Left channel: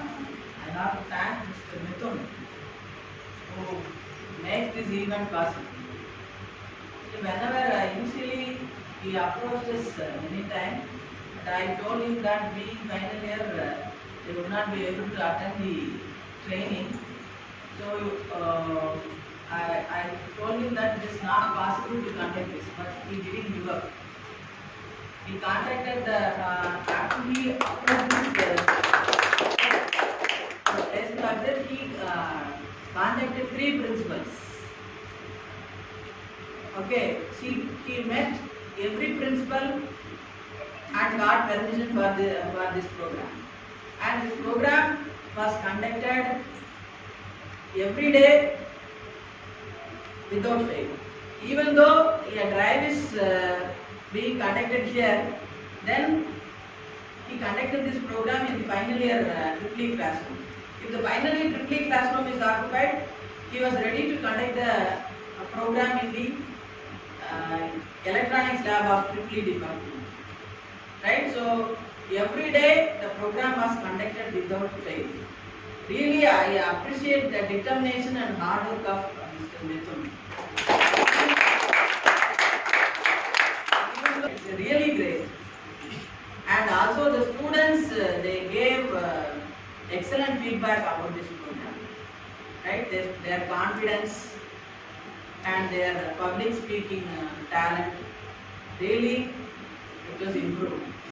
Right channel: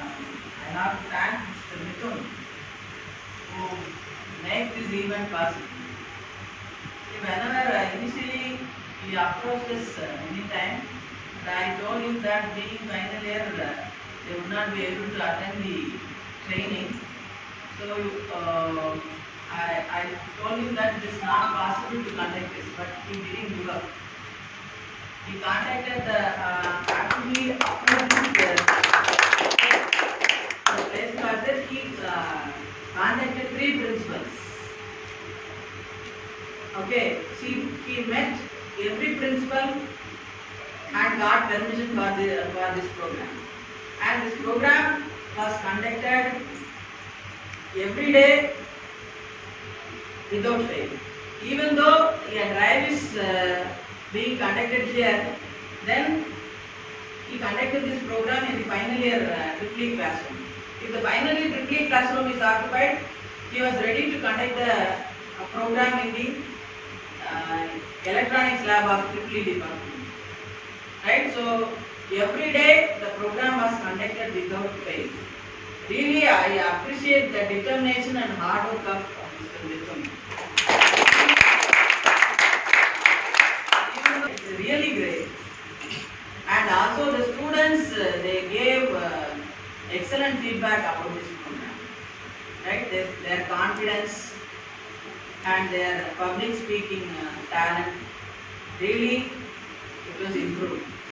I have to thank Mr. Mithun who make this event possible. Whenever initially he approached us many times, but I told him that being final year, they would not be able to attend the training. So I told him that it is not possible to conduct this, but he didn't give up. He contacted after he approached the place further, he contacted 3 principals. Okay, see, he met every principal and got permission for this program. And this program was conducted every day without fail. Even though a drive is being conducted here, then he conducted this program in the final year triple E classroom. If the final year triple E classroom is occupied, he was ready to conduct the program in the electronics lab of triple E department. Right? So every day the program was conducted without fail. Really, I appreciate the determination and hard work of Mr. Mithun. It's really great. And also the students, they gave excellent feedback about this program. Right? Their confidence and their public speaking talent, really it was improved.